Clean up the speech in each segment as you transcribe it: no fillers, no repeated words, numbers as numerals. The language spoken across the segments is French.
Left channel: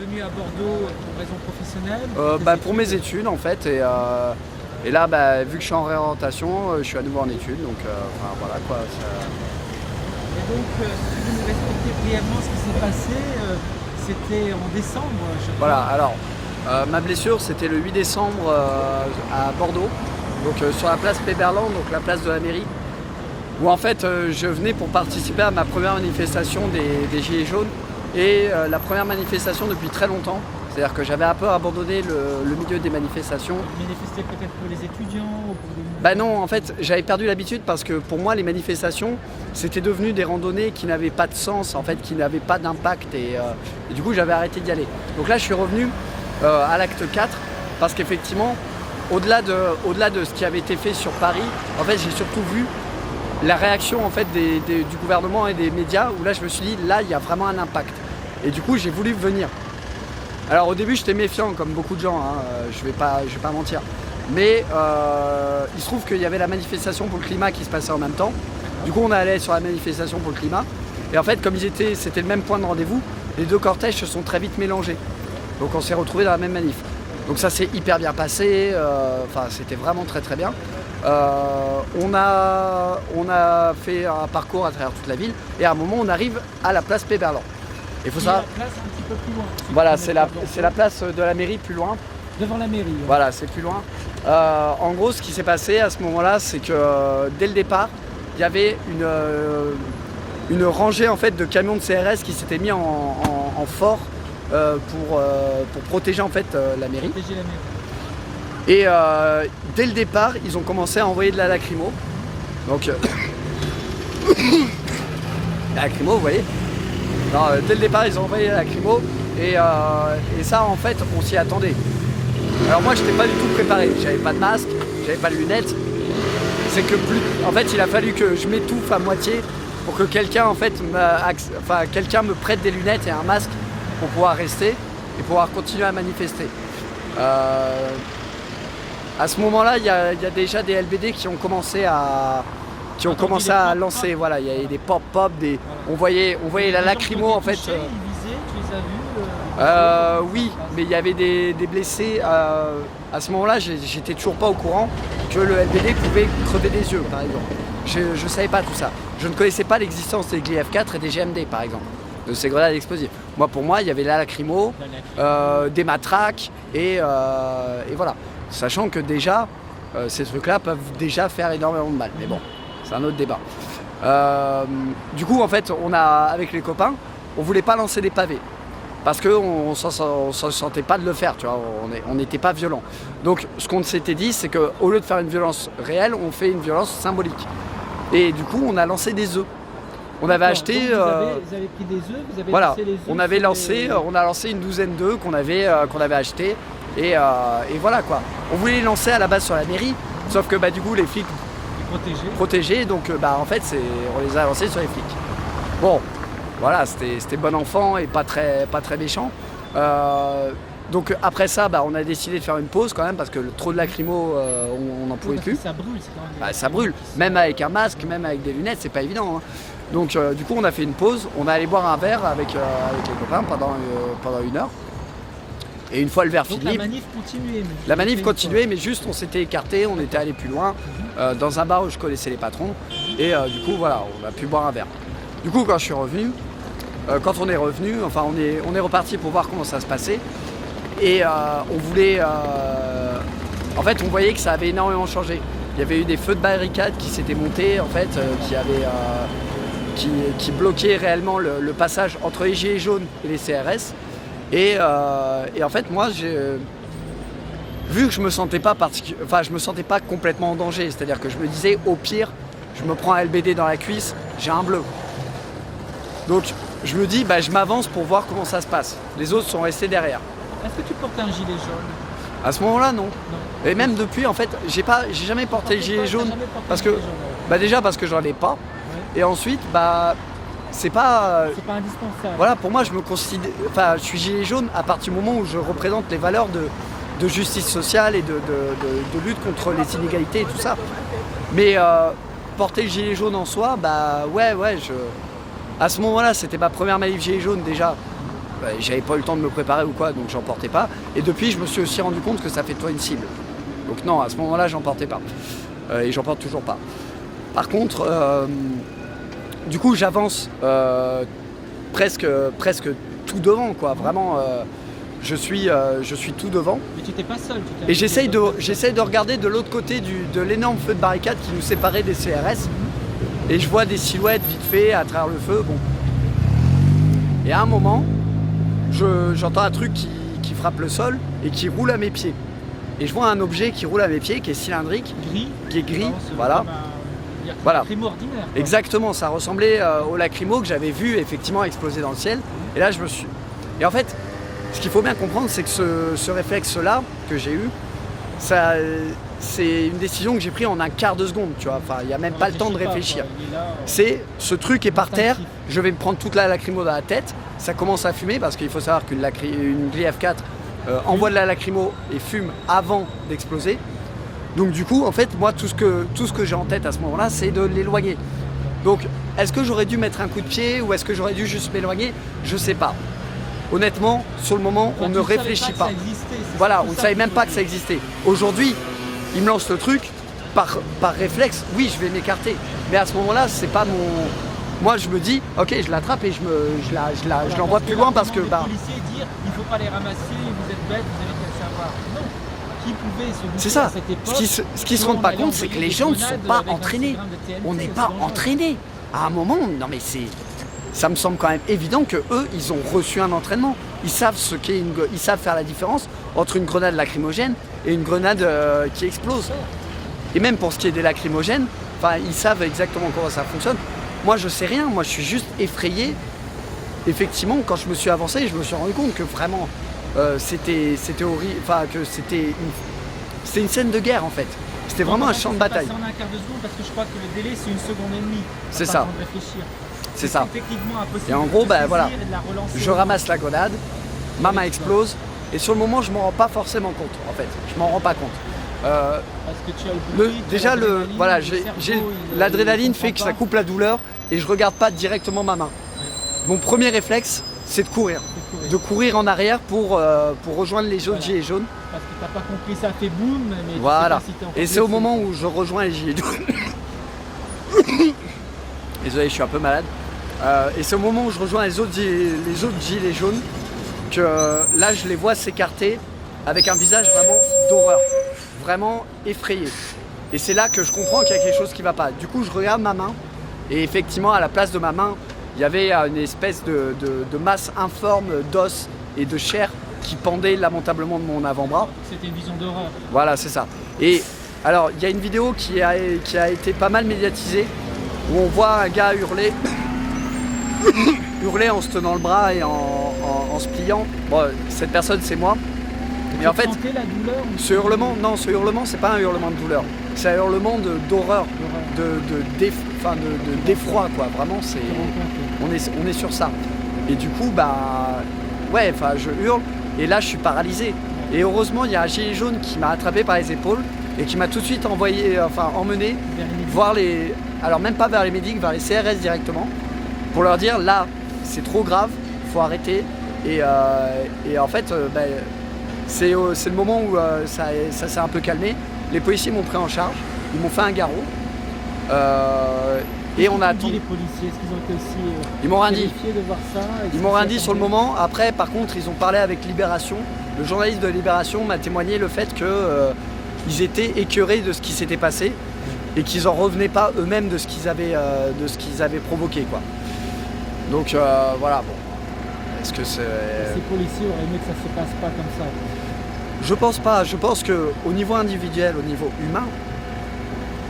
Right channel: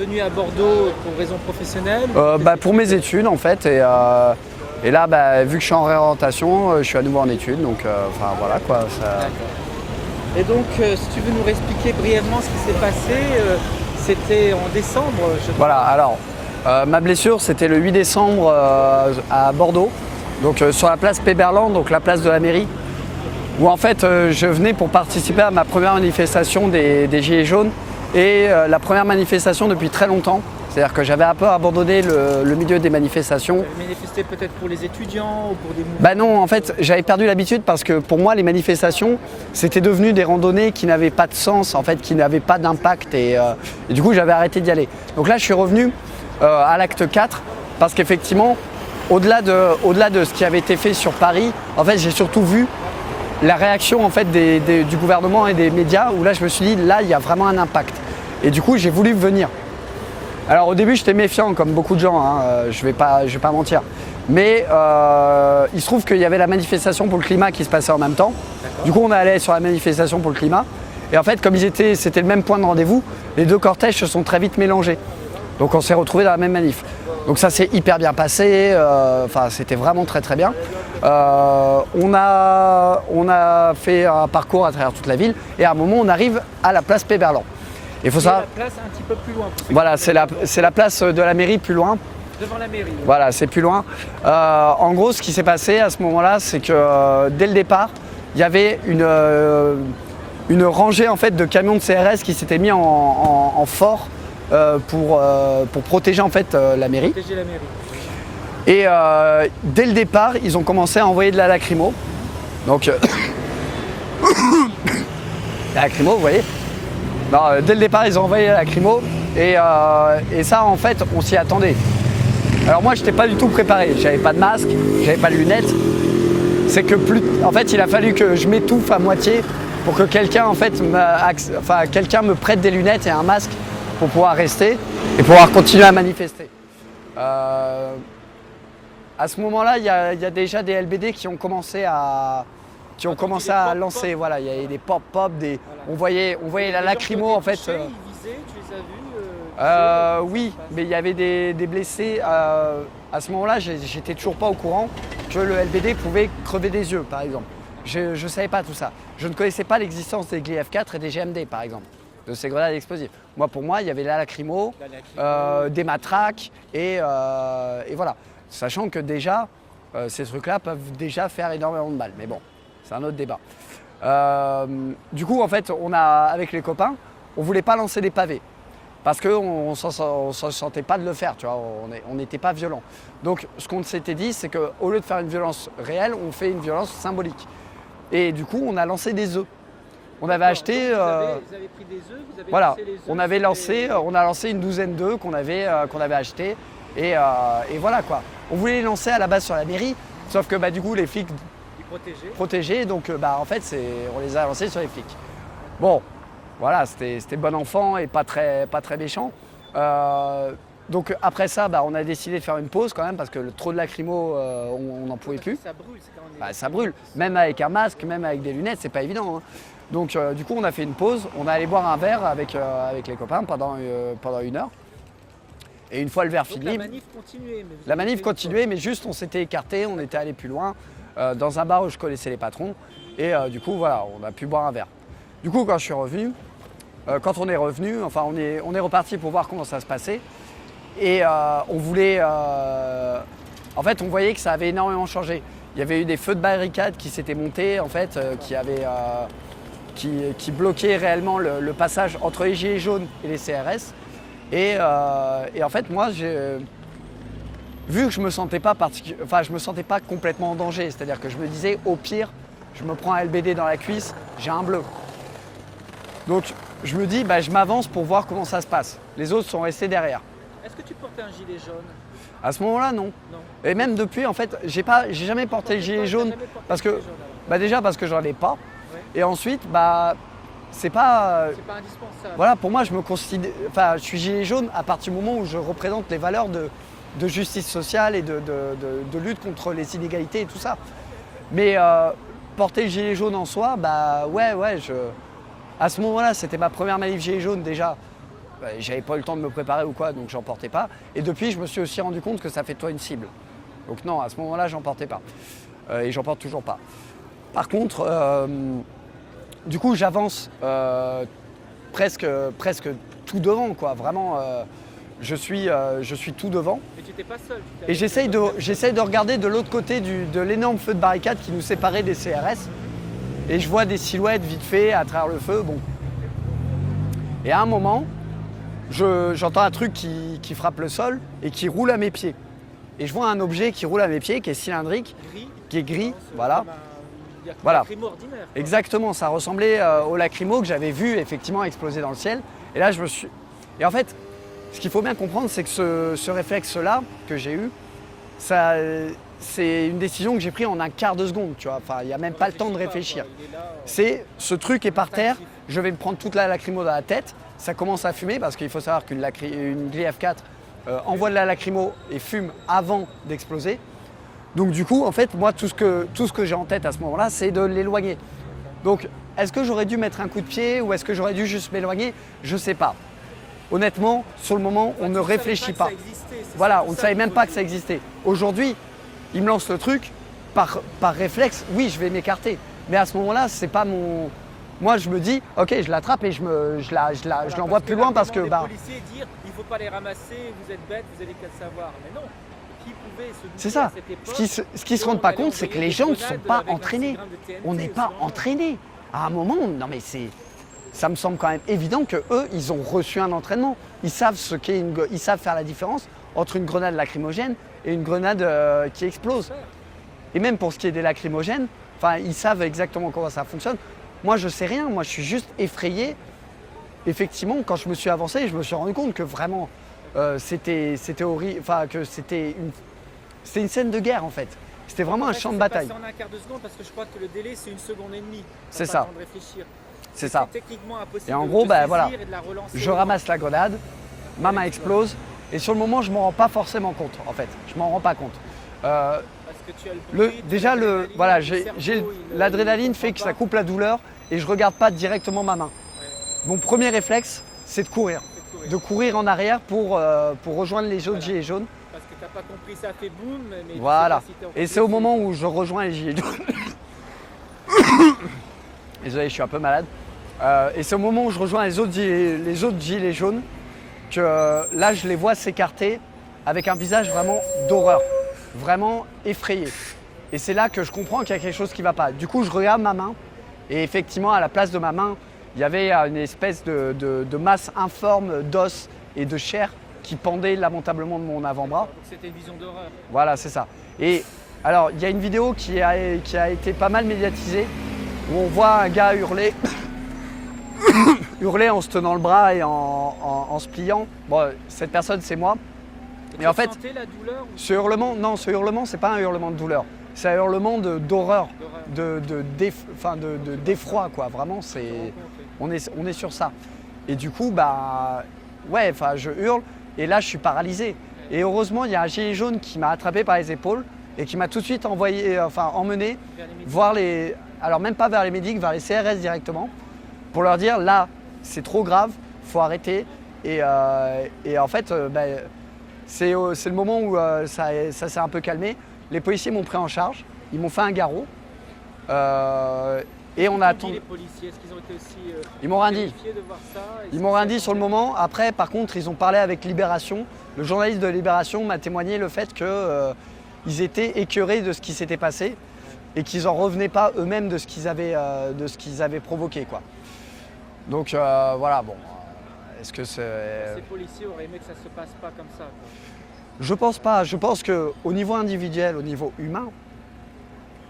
venu à Bordeaux pour raison professionnelle? Pour mes études en fait. Et là, vu que je suis en réorientation, je suis à nouveau en études. Donc voilà quoi. Et donc, si tu veux nous expliquer brièvement ce qui s'est passé, c'était en décembre, je crois. Voilà, alors, ma blessure, c'était le 8 décembre à Bordeaux, donc sur la place Péberlan, donc la place de la mairie, où en fait, je venais pour participer à ma première manifestation des Gilets jaunes et la première manifestation depuis très longtemps. C'est-à-dire que j'avais un peu abandonné le milieu des manifestations. Vous avez manifesté peut-être pour les étudiants ou pour des mouvements? Non, en fait, j'avais perdu l'habitude parce que pour moi, les manifestations, c'était devenu des randonnées qui n'avaient pas de sens, en fait, qui n'avaient pas d'impact. Et du coup, j'avais arrêté d'y aller. Donc là, je suis revenu à l'acte 4 parce qu'effectivement, au-delà de ce qui avait été fait sur Paris, en fait, j'ai surtout vu la réaction en fait, du gouvernement et des médias où là, je me suis dit, là, il y a vraiment un impact. Et du coup, j'ai voulu venir. Alors au début j'étais méfiant comme beaucoup de gens, je vais pas mentir. Mais il se trouve qu'il y avait la manifestation pour le climat qui se passait en même temps. Du coup on allait sur la manifestation pour le climat. Et en fait comme c'était le même point de rendez-vous, les deux cortèges se sont très vite mélangés. Donc on s'est retrouvés dans la même manif. Donc ça s'est hyper bien passé, c'était vraiment très très bien. On a fait un parcours à travers toute la ville et à un moment on arrive à la place Péberlan. Il faut ça. La place un petit peu plus loin. Voilà, c'est la place de la mairie plus loin. Devant la mairie. Oui. Voilà, c'est plus loin. En gros, ce qui s'est passé à ce moment-là, c'est que dès le départ, il y avait une rangée en fait de camions de CRS qui s'étaient mis en fort pour protéger en fait la mairie. Protéger la mairie. Et dès le départ, ils ont commencé à envoyer de la lacrymo. Donc, la lacrymo, vous voyez. Dès le départ, ils ont envoyé la lacrymo et ça, en fait, on s'y attendait. Alors moi, je n'étais pas du tout préparé. J'avais pas de masque, j'avais pas de lunettes. C'est que en fait, il a fallu que je m'étouffe à moitié pour que quelqu'un, en fait, quelqu'un me prête des lunettes et un masque pour pouvoir rester et pouvoir continuer à manifester. À ce moment-là, il y a déjà des LBD qui ont commencé à lancer, voilà, il y avait des pop-pop, on voyait la lacrymo en fait. Ils visaient, tu les as vus? Oui, mais il y avait des blessés. À ce moment-là, j'étais toujours pas au courant que le LBD pouvait crever des yeux, par exemple. Je ne savais pas tout ça. Je ne connaissais pas l'existence des GF4 et des GMD, par exemple, de ces grenades explosives. Pour moi, il y avait la lacrymo, des matraques et voilà. Sachant que déjà, ces trucs-là peuvent déjà faire énormément de mal. Mais bon. C'est un autre débat. Du coup, en fait, avec les copains, on voulait pas lancer des pavés parce qu'on ne se sentait pas de le faire, tu vois, on n'était pas violent. Donc, ce qu'on s'était dit, c'est qu'au lieu de faire une violence réelle, on fait une violence symbolique. Et du coup, on a lancé des œufs. On avait acheté. Vous avez pris des œufs, vous avez voilà, lancé les œufs. On a lancé une douzaine d'œufs qu'on avait achetés. Et voilà quoi. On voulait les lancer à la base sur la mairie, sauf que du coup, les flics. Protégés, donc en fait on les a lancés sur les flics. Bon, voilà, c'était bon enfant et pas très méchant. Donc après ça, on a décidé de faire une pause quand même parce que trop de lacrymo, on n'en pouvait plus. Ça brûle, c'est quand même. Ça brûle, même avec un masque, même avec des lunettes, c'est pas évident. Hein. Donc du coup on a fait une pause, on est allé boire un verre avec les copains pendant 1 heure. Et une fois le verre fini. La manif continuait, mais juste on s'était écarté, on était allé plus loin, dans un bar où je connaissais les patrons. Et du coup, voilà, on a pu boire un verre. Du coup, quand je suis revenu, on est reparti pour voir comment ça se passait. Et on voulait. En fait, on voyait que ça avait énormément changé. Il y avait eu des feux de barricades qui s'étaient montés, en fait, qui bloquaient réellement le passage entre les Gilets jaunes et les CRS. Et en fait, moi, vu que je me sentais pas complètement en danger, c'est-à-dire que je me disais, au pire, je me prends un LBD dans la cuisse, j'ai un bleu. Donc, je me dis, je m'avance pour voir comment ça se passe. Les autres sont restés derrière. Est-ce que tu portais un gilet jaune? À ce moment-là, non. Et même depuis, en fait, j'ai jamais porté le gilet jaune parce que, déjà parce que j'en ai pas. Ouais. Et ensuite, c'est pas indispensable. Voilà, pour moi, je suis gilet jaune à partir du moment où je représente les valeurs de justice sociale et de lutte contre les inégalités et tout ça. Mais porter le gilet jaune en soi, à ce moment-là, c'était ma première manif gilet jaune déjà. j'avais pas eu le temps de me préparer ou quoi, donc j'en portais pas. Et depuis, je me suis aussi rendu compte que ça fait toi une cible. Donc non, à ce moment-là, j'en portais pas. Et j'en porte toujours pas. Par contre, du coup, j'avance presque tout devant, quoi. Vraiment, je suis tout devant. Mais tu n'étais pas seul. Et j'essaye de regarder de l'autre côté de l'énorme feu de barricade qui nous séparait des CRS. Et je vois des silhouettes vite fait à travers le feu. Bon. Et à un moment, j'entends un truc qui frappe le sol et qui roule à mes pieds. Et je vois un objet qui roule à mes pieds, qui est cylindrique, qui est gris, voilà. Voilà. Lacrymo ordinaire. Quoi. Exactement, ça ressemblait au lacrymo que j'avais vu effectivement exploser dans le ciel. Et là, Et en fait, ce qu'il faut bien comprendre, c'est que ce réflexe-là que j'ai eu, c'est une décision que j'ai prise en un quart de seconde, tu vois. Enfin, il n'y a même pas le temps de réfléchir. C'est ce truc est par terre, je vais me prendre toute la lacrymo dans la tête, ça commence à fumer parce qu'il faut savoir qu'une Gli F4 envoie de la lacrymo et fume avant d'exploser. Donc du coup, en fait, moi, tout ce que j'ai en tête à ce moment-là, c'est de l'éloigner. Donc, est-ce que j'aurais dû mettre un coup de pied ou est-ce que j'aurais dû juste m'éloigner? Je sais pas. Honnêtement, sur le moment, on ne réfléchit pas. Voilà, on ne savait même pas que ça existait. Aujourd'hui, il me lance le truc, par réflexe, oui, je vais m'écarter. Mais à ce moment-là, c'est pas mon... Moi, je me dis, ok, je l'attrape et je l'envoie plus loin parce que... Les policiers dire, il ne faut pas les ramasser, vous êtes bêtes, vous avez qu'à le savoir. Non. Qui pouvait se douter à cette époque, ce qu'ils se rendent pas compte, c'est que les gens ne sont pas entraînés. On n'est pas entraînés. À un moment, non mais ça me semble quand même évident que eux, ils ont reçu un entraînement. Ils savent ils savent faire la différence entre une grenade lacrymogène et une grenade qui explose. Et même pour ce qui est des lacrymogènes, enfin, ils savent exactement comment ça fonctionne. Moi, je sais rien. Moi, je suis juste effrayé. Effectivement, quand je me suis avancé, je me suis rendu compte que vraiment. C'était horrible, enfin que c'était une scène de guerre en fait. C'était vraiment un champ de bataille. En un quart de seconde parce que je crois que le délai c'est 1 seconde et demie. C'est ça. C'est ça. Et en gros, ben voilà, je ramasse la grenade, ma main explose et sur le moment je m'en rends pas forcément compte en fait. Je m'en rends pas compte. Parce que tu as le déjà l'adrénaline fait que ça coupe la douleur et je regarde pas directement ma main. Mon premier réflexe, c'est de courir. De courir en arrière pour rejoindre les autres gilets jaunes. Parce que t'as pas compris, ça fait boum, mais voilà. Tu sais pas si t'es et c'est au moment où je rejoins les gilets jaunes. Désolé, je suis un peu malade. Et c'est au moment où je rejoins les autres gilets jaunes que là je les vois s'écarter avec un visage vraiment d'horreur, vraiment effrayé. Et c'est là que je comprends qu'il y a quelque chose qui ne va pas. Du coup, je regarde ma main et effectivement, à la place de ma main, il y avait une espèce de masse informe d'os et de chair qui pendait lamentablement de mon avant-bras. C'était une vision d'horreur. Voilà, c'est ça. Et alors, il y a une vidéo qui a été pas mal médiatisée où on voit un gars hurler, hurler en se tenant le bras et en se pliant. Bon, cette personne, c'est moi. Et en fait, la douleur, ce hurlement, c'est pas un hurlement de douleur. C'est un hurlement d'horreur, d'effroi, quoi. Vraiment, on est sur ça. Et du coup, je hurle et là, je suis paralysé. Et heureusement, il y a un gilet jaune qui m'a attrapé par les épaules et qui m'a tout de suite emmené voir alors même pas vers les médics, vers les CRS directement, pour leur dire là, c'est trop grave, faut arrêter. Et en fait, c'est le moment où ça s'est un peu calmé. Les policiers m'ont pris en charge, ils m'ont fait un garrot. Et on a attendu. Les policiers, est-ce qu'ils ont été aussi ils m'ont rien dit. De voir ça, ils m'ont rien dit sur le moment. Après, par contre, ils ont parlé avec Libération. Le journaliste de Libération m'a témoigné le fait qu'ils étaient écœurés de ce qui s'était passé et qu'ils n'en revenaient pas eux-mêmes de ce qu'ils avaient provoqué, quoi. Donc voilà, bon. Est-ce que c'est... Ces policiers auraient aimé que ça ne se passe pas comme ça. Je pense pas. Je pense qu'au niveau individuel, au niveau humain,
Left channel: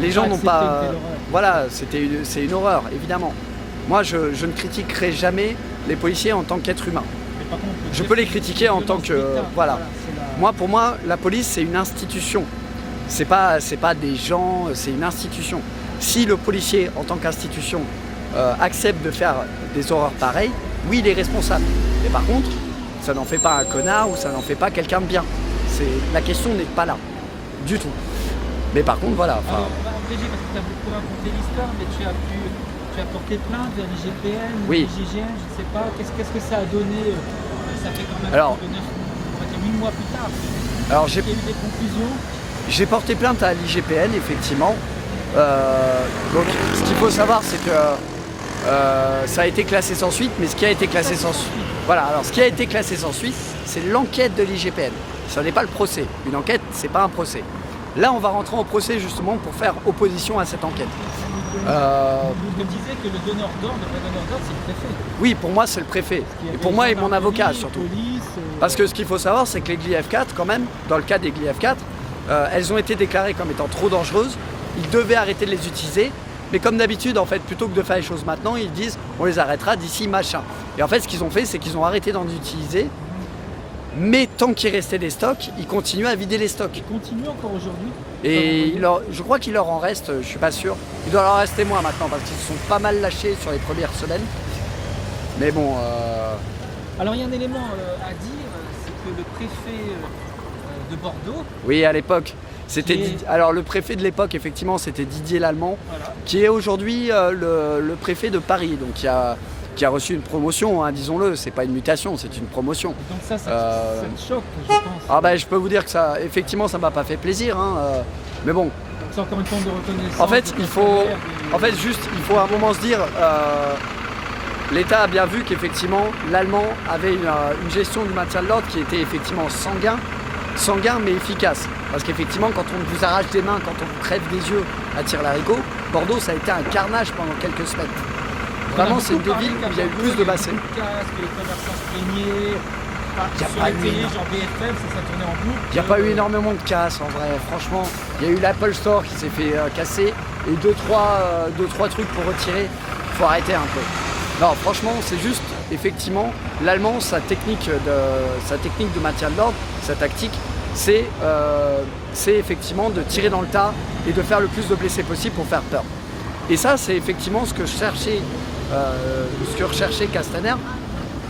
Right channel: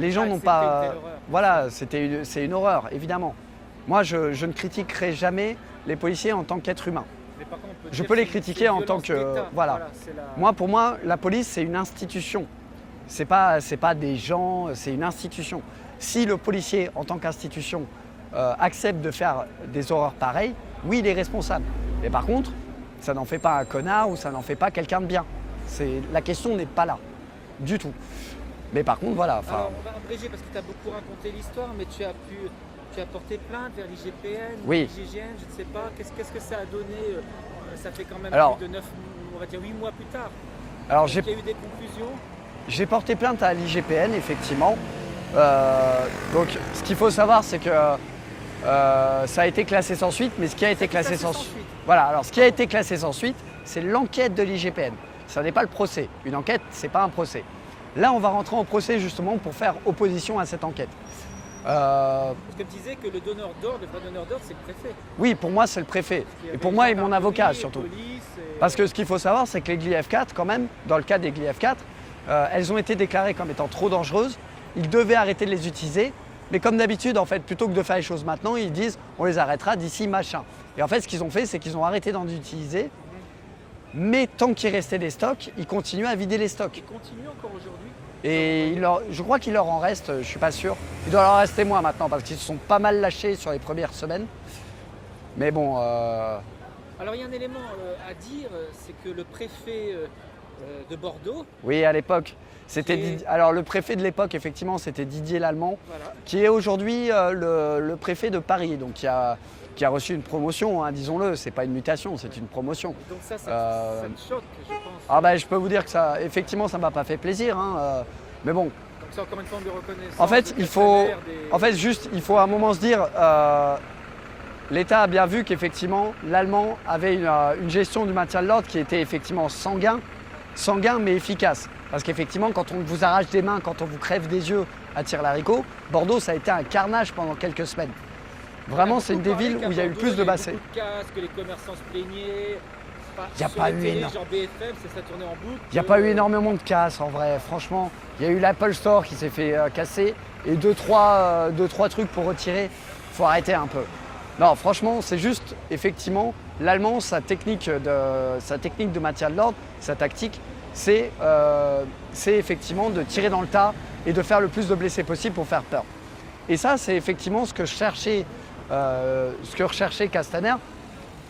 les gens n'ont pas... Voilà, c'est une horreur, évidemment. Moi, je ne critiquerai jamais les policiers en tant qu'être humain. Je peux les critiquer en tant que... Voilà. Pour moi, la police, c'est une institution. C'est pas des gens, c'est une institution. Si le policier, en tant qu'institution, accepte de faire des horreurs pareilles, oui, il est responsable. Mais par contre, ça n'en fait pas un connard ou ça n'en fait pas quelqu'un de bien. La question n'est pas là, du tout. Mais par contre, voilà. Alors, Brigitte, parce que tu as beaucoup raconté l'histoire, mais tu as porté plainte vers l'IGPN, oui. l'IGGN, je ne sais pas. Qu'est-ce que ça a donné ça fait quand même Alors- plus de 9, on va dire 8 mois plus tard. Alors Il y a eu des conclusions. j'ai porté plainte à l'IGPN, effectivement. Donc ce qu'il faut savoir, c'est que ça a été classé sans suite, mais ce qui a été classé sans suite. Voilà, alors ce qui a été classé sans suite, c'est l'enquête de l'IGPN. Ce n'est pas le procès. Une enquête, c'est pas un procès. Là, on va rentrer en procès justement pour faire opposition à cette enquête. Vous me disiez que le donneur d'ordre, le vrai donneur d'ordre, c'est le préfet. Oui, pour moi, c'est le préfet. Il y Et avait pour moi, et mon gendarmerie, avocat surtout. Police, Parce que ce qu'il faut savoir, c'est que les Gli F4, quand même, dans le cas des Gli F4, elles ont été déclarées comme étant trop dangereuses. Ils devaient arrêter de les utiliser. Mais comme d'habitude, en fait, plutôt que de faire les choses maintenant, ils disent on les arrêtera d'ici machin. Et en fait, ce qu'ils ont fait, c'est qu'ils ont arrêté d'en utiliser. Mais tant qu'il restait des stocks, ils continuent à vider les stocks. continue encore aujourd'hui. Et je crois qu'il leur en reste, je suis pas sûr. Il doit leur en rester moins maintenant parce qu'ils se sont pas mal lâchés sur les premières semaines. Mais bon, Alors il y a un élément à dire, c'est que le préfet de Bordeaux, oui, à l'époque, c'était Qui est- alors le préfet de l'époque, effectivement, c'était Didier Lallemand, voilà, qui est aujourd'hui le préfet de Paris, donc qui a reçu une promotion, hein, disons-le. C'est pas une mutation, c'est une promotion. donc ça Euh, te choque, je pense. Ah ben, je peux vous dire que ça, effectivement, ça m'a pas fait plaisir, hein, mais bon. C'est encore une forme de reconnaissance. En fait, de il faut, fonctionnaire, en fait, juste, il faut à un moment se dire, l'État a bien vu qu'effectivement, l'Allemand avait une gestion du maintien de l'ordre qui était effectivement sanguin mais efficace. Parce qu'effectivement, quand on vous arrache des mains, quand on vous crève des yeux à Tire-Larigot, Bordeaux, ça a été un carnage pendant quelques semaines. Vraiment, c'est une des villes où il y a eu plus de massés. Que les commerçants se plaignaient. Il y a Sur pas les eu télés, énorme. genre BFM, ça tournait en boucle. Il n'y a pas eu énormément de casse en vrai, franchement. Il y a eu l'Apple Store qui s'est fait casser et deux, trois trucs pour retirer. Il faut arrêter un peu. Non, franchement, c'est juste, effectivement, l'Allemand, sa technique de maintien de l'ordre, sa tactique, c'est effectivement de tirer dans le tas et de faire le plus de blessés possible pour faire peur. Et ça, c'est effectivement ce que recherchait Castaner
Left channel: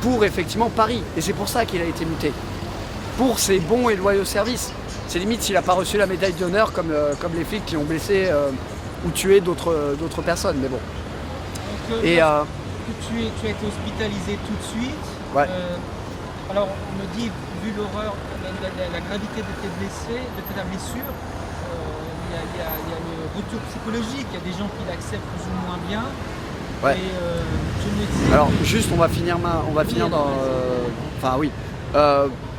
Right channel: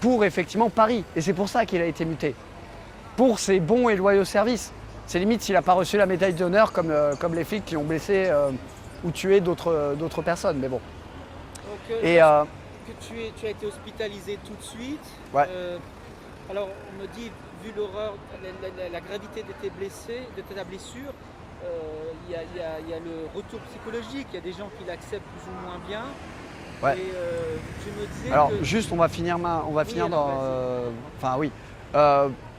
pour effectivement Paris. Et c'est pour ça qu'il a été muté. Pour ses bons et loyaux services. C'est limite s'il n'a pas reçu la médaille d'honneur comme les flics qui ont blessé ou tué d'autres personnes. Mais bon. Donc, Et tu as été hospitalisé tout de suite. Ouais. Alors, on me dit, vu l'horreur, la gravité de ta blessure, il y a le retour psychologique. Il y a des gens qui l'acceptent plus ou moins bien. Ouais. Et, tu me dis alors que- juste on va finir dans. Enfin oui.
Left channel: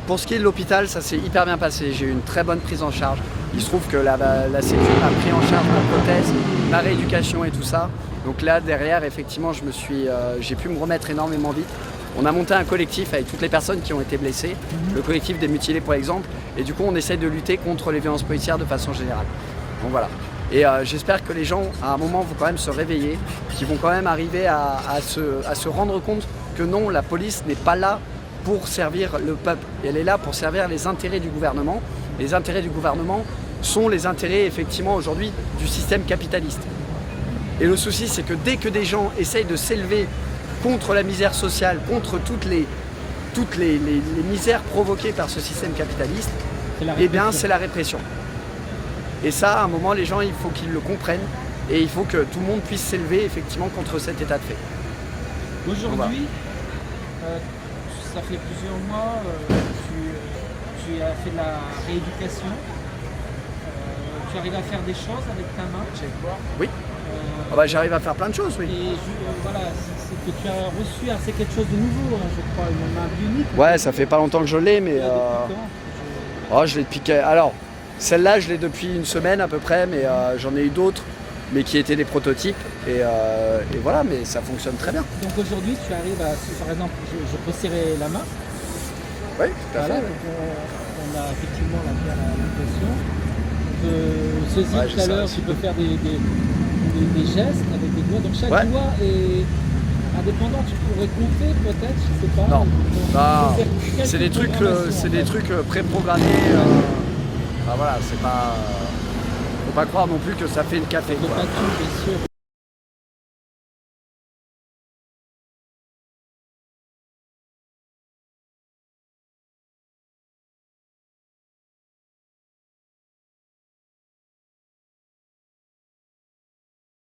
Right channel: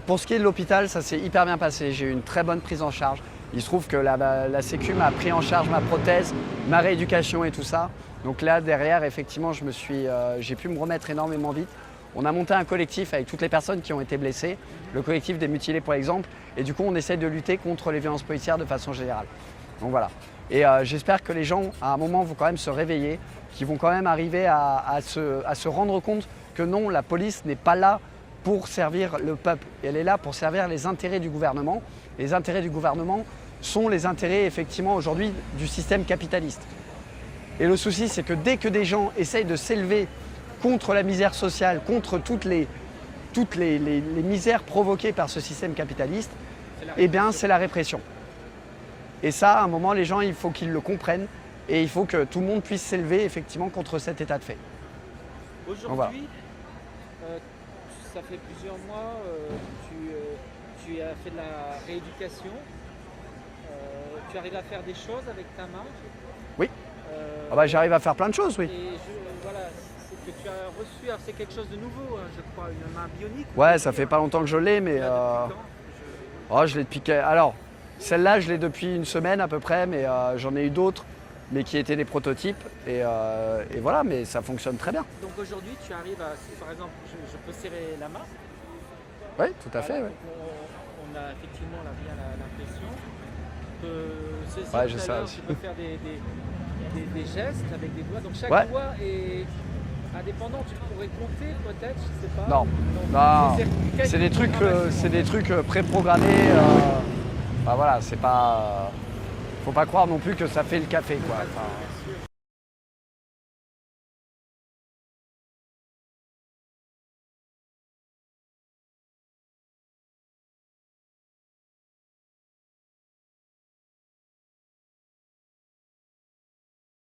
Pour ce qui est de l'hôpital, ça s'est hyper bien passé. J'ai eu une très bonne prise en charge. Il se trouve que la Sécu a pris en charge ma prothèse, ma rééducation et tout ça. Donc là derrière, effectivement, j'ai pu me remettre énormément vite. On a monté un collectif avec toutes les personnes qui ont été blessées, le collectif des mutilés pour exemple, et du coup on essaye de lutter contre les violences policières de façon générale. Donc voilà. Et j'espère que les gens, à un moment, vont quand même se réveiller, qu'ils vont quand même arriver à se rendre compte que non, la police n'est pas là pour servir le peuple. Elle est là pour servir les intérêts du gouvernement. Et les intérêts du gouvernement sont les intérêts, effectivement, aujourd'hui, du système capitaliste. Et le souci, c'est que dès que des gens essayent de s'élever contre la misère sociale, contre toutes les misères provoquées par ce système capitaliste, c'est la eh bien, répression. c'est la répression. Et ça, à un moment, les gens, il faut qu'ils le comprennent et il faut que tout le monde puisse s'élever effectivement contre cet état de fait. Aujourd'hui, ça fait plusieurs mois, tu as fait de la rééducation. Tu arrives à faire des choses avec ta main. Oui. J'arrive à faire plein de choses, oui. Et voilà, c'est que tu as reçu, alors c'est quelque chose de nouveau, hein, je crois, une main bionique. Ouais, ça fait pas longtemps que je l'ai, mais Depuis quand je l'ai depuis. Alors, celle-là, je l'ai depuis une semaine à peu près, mais j'en ai eu d'autres, mais qui étaient des prototypes. Et voilà, mais ça fonctionne très bien. Donc aujourd'hui, tu arrives à, par exemple, je peux serrer la main. Oui, tout à Voilà, fait. donc on a effectivement l'impression. Je Ouais, tout j'ai à ça l'heure, aussi. tu peux faire des gestes avec des doigts. Donc chaque Ouais. doigt est indépendant. Tu pourrais compter peut-être, je sais pas. Non. Donc, Ah, quelques c'est des trucs, programmations, en fait. préprogrammés. Voilà, c'est pas. Faut pas croire non plus que ça fait le café. De Quoi. battu, bien sûr.